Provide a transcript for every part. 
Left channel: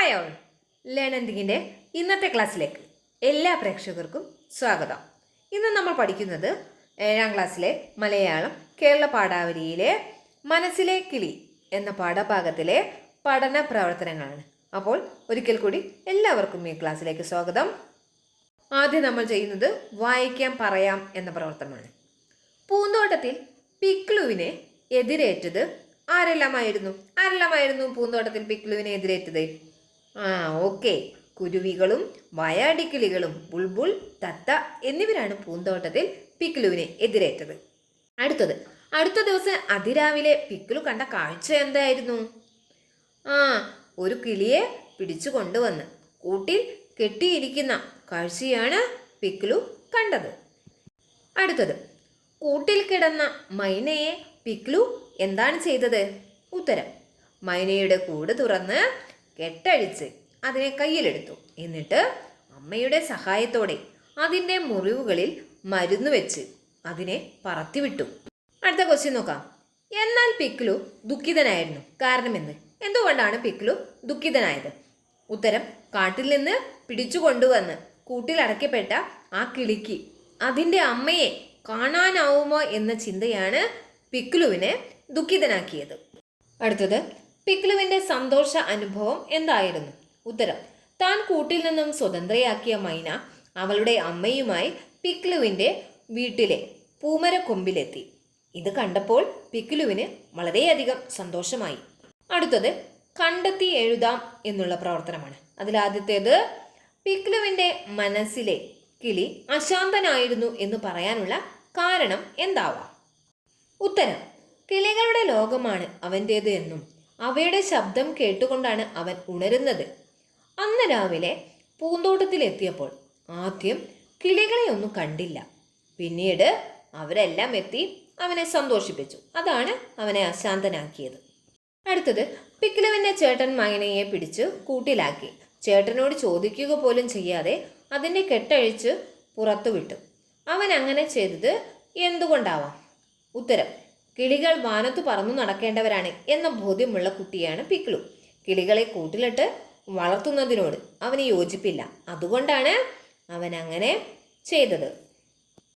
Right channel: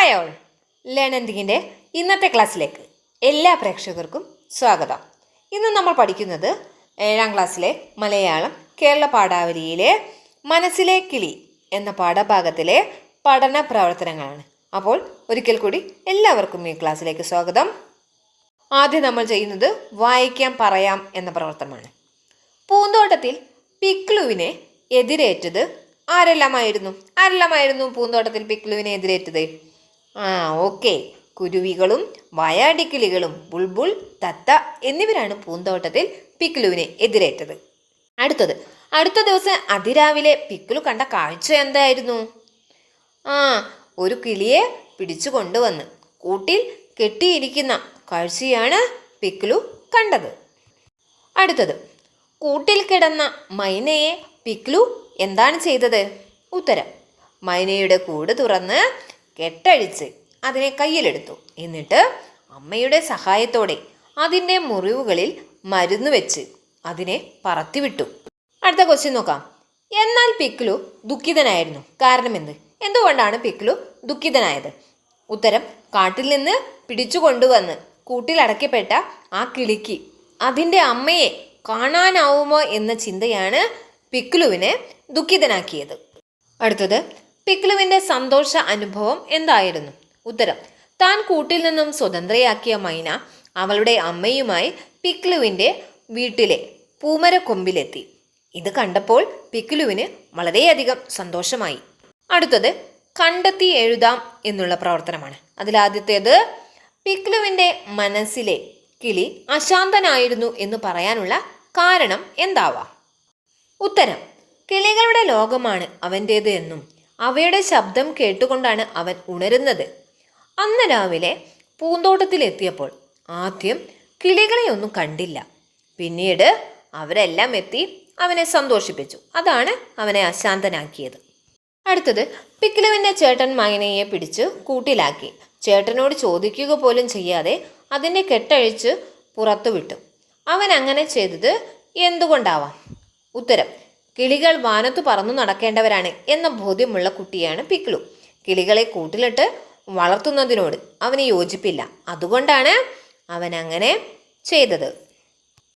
Hi all. ഇന്നത്തെ ക്ലാസ്സിലേക്ക് എല്ലാ പ്രേക്ഷകർക്കും സ്വാഗതം. ഇന്ന് നമ്മൾ പഠിക്കുന്നത് ഏഴാം ക്ലാസ്സിലെ മലയാളം കേരള പാഠാവലിയിലെ മനസ്സിലെ കിളി എന്ന പാഠഭാഗത്തിലെ പഠന പ്രവർത്തനങ്ങളാണ്. അപ്പോൾ ഒരിക്കൽ കൂടി എല്ലാവർക്കും ഈ ക്ലാസ്സിലേക്ക് സ്വാഗതം. ആദ്യം നമ്മൾ ചെയ്യുന്നത് വായിക്കാം പറയാം എന്ന പ്രവർത്തനമാണ്. പൂന്തോട്ടത്തിൽ പിക്ലുവിനെ എതിരേറ്റത് ആരെല്ലാമായിരുന്നു? ആരെല്ലാമായിരുന്നു പൂന്തോട്ടത്തിൽ പിക്ലുവിനെ എതിരേറ്റത്? ആ ഓക്കെ. കുരുവികളും വയാടിക്കിളികളും ബുൾബുൾ തത്ത എന്നിവരാണ് പൂന്തോട്ടത്തിൽ പിക്ലുവിനെ എതിരേറ്റത്. അടുത്തത്. അടുത്ത ദിവസം അതിരാവിലെ പിക്ലു കണ്ട കാഴ്ച എന്തായിരുന്നു? ആ ഒരു കിളിയെ പിടിച്ചു കൊണ്ടുവന്ന് കൂട്ടിൽ കെട്ടിയിരിക്കുന്ന കാഴ്ചയാണ് പിക്ലു കണ്ടത്. അടുത്തത്. കൂട്ടിൽ കിടന്ന മൈനയെ പിക്ലു എന്താണ് ചെയ്തത്? ഉത്തരം. മൈനയുടെ കൂട് തുറന്ന് കെട്ടഴിച്ച് അതിനെ കയ്യിലെടുത്തു. എന്നിട്ട് അമ്മയുടെ സഹായത്തോടെ അതിന്റെ മുറിവുകളിൽ മരുന്ന് വെച്ച് അതിനെ പറത്തിവിട്ടു. അടുത്ത ക്വസ്റ്റ്യൻ നോക്കാം. എന്നാൽ പിക്ലു ദുഃഖിതനായിരുന്നു. കാരണം എന്ത് എന്തുകൊണ്ടാണ് പിക്ലു ദുഃഖിതനായത്? ഉത്തരം കാട്ടിൽ നിന്ന് പിടിച്ചു കൊണ്ടുവന്ന് കൂട്ടിലടക്കപ്പെട്ട ആ കിളിക്ക് അതിന്റെ അമ്മയെ കാണാനാവുമോ എന്ന ചിന്തയാണ് പിക്ലുവിനെ ദുഃഖിതനാക്കിയത്. അടുത്തത് പിക്ലുവിന്റെ സന്തോഷ അനുഭവം എന്തായിരുന്നു? ഉത്തരം താൻ കൂട്ടിൽ നിന്നും സ്വതന്ത്രയാക്കിയ മൈന അവളുടെ അമ്മയുമായി പിക്ലുവിന്റെ വീട്ടിലെ പൂമരക്കൊമ്പിലെത്തി. ഇത് കണ്ടപ്പോൾ പിക്ലുവിന് വളരെയധികം സന്തോഷമായി. അടുത്തത് കണ്ടെത്തി എഴുതാം എന്നുള്ള പ്രവർത്തനമാണ്. അതിലാദ്യത്തേത് പിക്ലുവിന്റെ മനസ്സിലെ കിളി അശാന്തനായിരുന്നു എന്ന് പറയാനുള്ള കാരണം എന്താവാം? ഉത്തരം കിളികളുടെ ലോകമാണ് അവന്റേത് എന്നും അവയുടെ ശബ്ദം കേട്ടുകൊണ്ടാണ് അവൻ ഉണരുന്നത്. അന്ന് രാവിലെ പൂന്തോട്ടത്തിലെത്തിയപ്പോൾ ആദ്യം കിളികളെ ഒന്നും കണ്ടില്ല. പിന്നീട് അവരെല്ലാം എത്തി അവനെ സന്തോഷിപ്പിച്ചു. അതാണ് അവനെ അശാന്തനാക്കിയത്. അടുത്തത് പിക്കിലുവിന്റെ ചേട്ടൻ മൈനയെ പിടിച്ച് കൂട്ടിലാക്കി. ചേട്ടനോട് ചോദിക്കുക പോലും ചെയ്യാതെ അതിന്റെ കെട്ടഴിച്ച് പുറത്തു വിട്ടു അവൻ അങ്ങനെ ചെയ്തത് എന്തുകൊണ്ടാവാം? ഉത്തരം കിളികൾ വാനത്ത് പറന്നു നടക്കേണ്ടവരാണ് എന്ന ബോധ്യമുള്ള കുട്ടിയാണ് പിക്ലു. കിളികളെ കൂട്ടിലിട്ട് വളർത്തുന്നതിനോട് അവന് യോജിപ്പില്ല. അതുകൊണ്ടാണ് അവൻ അങ്ങനെ ചെയ്തത്.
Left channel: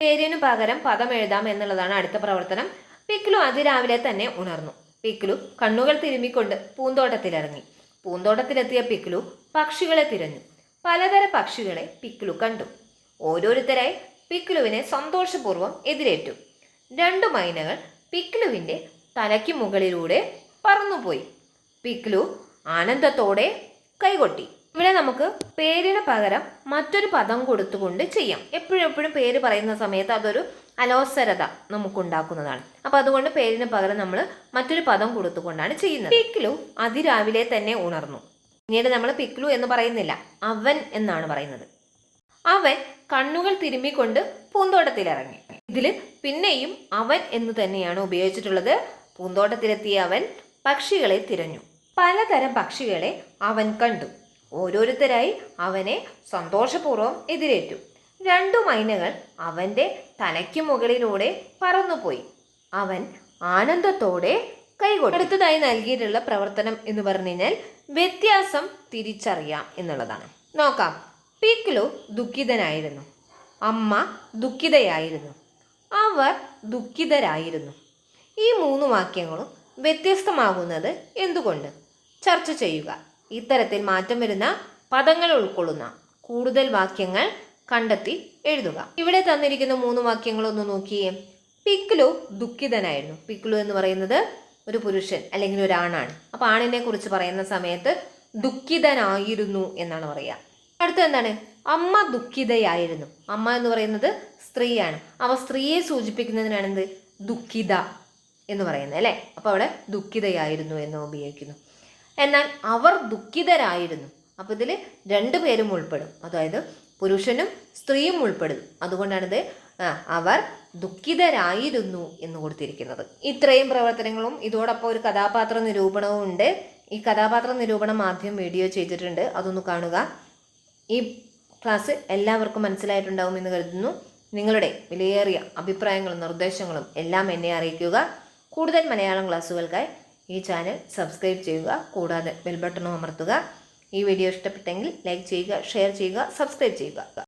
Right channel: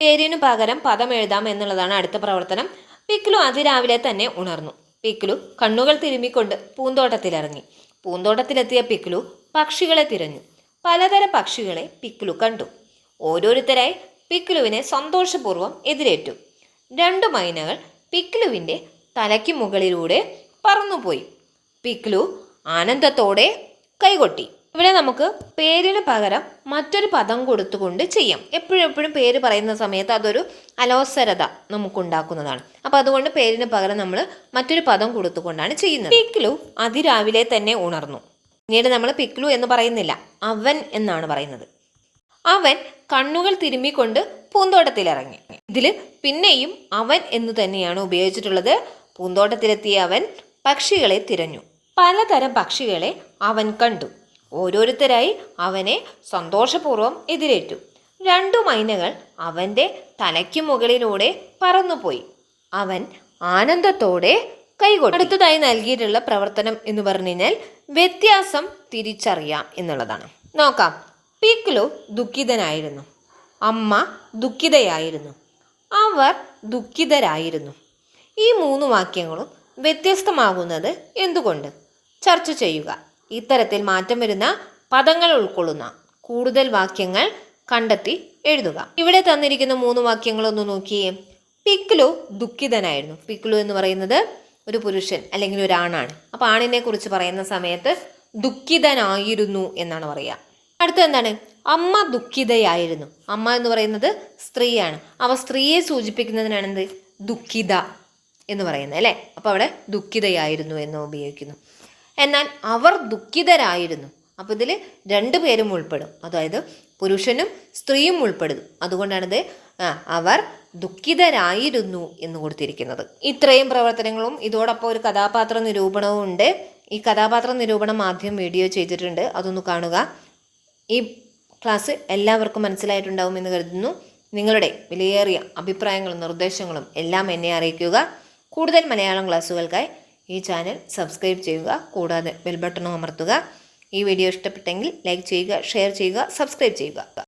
പേരിനു പകരം പദം എഴുതാം എന്നുള്ളതാണ് അടുത്ത പ്രവർത്തനം. പിക്ലു അതിരാവിലെ തന്നെ ഉണർന്നു. പിക്ലു കണ്ണുകൾ തിരുമ്മിക്കൊണ്ട് പൂന്തോട്ടത്തിലിറങ്ങി. പൂന്തോട്ടത്തിലെത്തിയ പിക്ലു പക്ഷികളെ തിരഞ്ഞു. പലതരം പക്ഷികളെ പിക്ലു കണ്ടു. ഓരോരുത്തരായി പിക്ലുവിനെ സന്തോഷപൂർവം എതിരേറ്റു. രണ്ടു മൈനകൾ പിക്ലുവിന്റെ തലയ്ക്ക് മുകളിലൂടെ പറന്നുപോയി. പിക്ലു ആനന്ദത്തോടെ കൈകൊട്ടി. ഇവിടെ നമുക്ക് പേരിന് പകരം മറ്റൊരു പദം കൊടുത്തുകൊണ്ട് ചെയ്യാം. എപ്പോഴും പേര് പറയുന്ന സമയത്ത് അതൊരു അലോസരത നമുക്കുണ്ടാക്കുന്നതാണ്. അപ്പോൾ അതുകൊണ്ട് പേരിന് പകരം നമ്മൾ മറ്റൊരു പദം കൊടുത്തുകൊണ്ടാണ് ചെയ്യുന്നത്. പിക്ലു അതിരാവിലെ തന്നെ ഉണർന്നു. പിന്നീട് നമ്മൾ പിക്ലു എന്ന് പറയുന്നില്ല അവൻ എന്നാണ് പറയുന്നത്. അവൻ കണ്ണുകൾ തിരുമ്മിക്കൊണ്ട് പൂന്തോട്ടത്തിലിറങ്ങി. ഇതിൽ പിന്നെയും അവൻ എന്ന് തന്നെയാണ് ഉപയോഗിച്ചിട്ടുള്ളത്. പൂന്തോട്ടത്തിലെത്തിയ അവൻ പക്ഷികളെ തിരഞ്ഞു. പലതരം പക്ഷികളെ അവൻ കണ്ടു. ഓരോരുത്തരായി അവനെ സന്തോഷപൂർവം എതിരേറ്റു. രണ്ടു മൈനകൾ അവന്റെ തലയ്ക്ക് മുകളിലൂടെ പറന്നുപോയി. അവൻ ആനന്ദത്തോടെ കൈകൊണ്ടു അടുത്തതായി നൽകിയിട്ടുള്ള പ്രവർത്തനം എന്ന് പറഞ്ഞു കഴിഞ്ഞാൽ വ്യത്യാസം തിരിച്ചറിയാം എന്നുള്ളതാണ്. നോക്കാം. പിക്ലു ദുഃഖിതനായിരുന്നു. അമ്മ ദുഃഖിതയായിരുന്നു. അവർ ദുഃഖിതരായിരുന്നു. ഈ മൂന്ന് വാക്യങ്ങളും വ്യത്യസ്തമാകുന്നത് എന്തുകൊണ്ട്? ചർച്ച ചെയ്യുക. ഇത്തരത്തിൽ മാറ്റം വരുന്ന പദങ്ങൾ ഉൾക്കൊള്ളുന്ന കൂടുതൽ വാക്യങ്ങൾ കണ്ടെത്തി എഴുതുക. ഇവിടെ തന്നിരിക്കുന്ന മൂന്ന് വാക്യങ്ങളൊന്ന് നോക്കിയേ. പിക്ലു ദുഃഖിതനായിരുന്നു. പിക്ലു എന്ന് പറയുന്നത് ഒരു പുരുഷൻ അല്ലെങ്കിൽ ഒരാണാണ്. അപ്പോൾ ആണിനെ കുറിച്ച് പറയുന്ന സമയത്ത് ദുഃഖിതനായിരുന്നു എന്നാണ് പറയുക. അടുത്ത എന്താണ്? അമ്മ ദുഃഖിതയായിരുന്നു. അമ്മ എന്ന് പറയുന്നത് സ്ത്രീയാണ്. അവ സ്ത്രീയെ സൂചിപ്പിക്കുന്നതിനാണ് എന്ത് ദുഃഖിത എന്ന് പറയുന്നത് അല്ലേ? അപ്പോൾ അവിടെ ദുഃഖിതയായിരുന്നു എന്ന് ഉപയോഗിക്കുന്നു. എന്നാൽ അവർ ദുഃഖിതരായിരുന്നു. അപ്പോൾ ഇതിൽ രണ്ട് പേരും ഉൾപ്പെടും. അതായത് പുരുഷനും സ്ത്രീയും ഉൾപ്പെടും. അതുകൊണ്ടാണിത് അവർ ദുഃഖിതരായിരുന്നു എന്ന് കൊടുത്തിരിക്കുന്നത്. ഇത്രയും പ്രവർത്തനങ്ങളും ഇതോടൊപ്പം ഒരു കഥാപാത്ര നിരൂപണവും ഉണ്ട്. ഈ കഥാപാത്ര നിരൂപണം ആദ്യം വീഡിയോ ചെയ്തിട്ടുണ്ട്. അതൊന്ന് കാണുക. ഈ ക്ലാസ് എല്ലാവർക്കും മനസ്സിലായിട്ടുണ്ടാവും എന്ന് കരുതുന്നു. നിങ്ങളുടെ വിലയേറിയ അഭിപ്രായങ്ങളും നിർദ്ദേശങ്ങളും എല്ലാം എന്നെ അറിയിക്കുക. കൂടുതൽ മലയാളം ക്ലാസ്സുകൾക്കായി ഈ ചാനൽ സബ്സ്ക്രൈബ് ചെയ്യുക. കൂടാതെ ബെൽ ബട്ടണും അമർത്തുക. ഈ വീഡിയോ ഇഷ്ടപ്പെട്ടെങ്കിൽ ലൈക്ക് ചെയ്യുക ഷെയർ ചെയ്യുക സബ്സ്ക്രൈബ് ചെയ്യുക.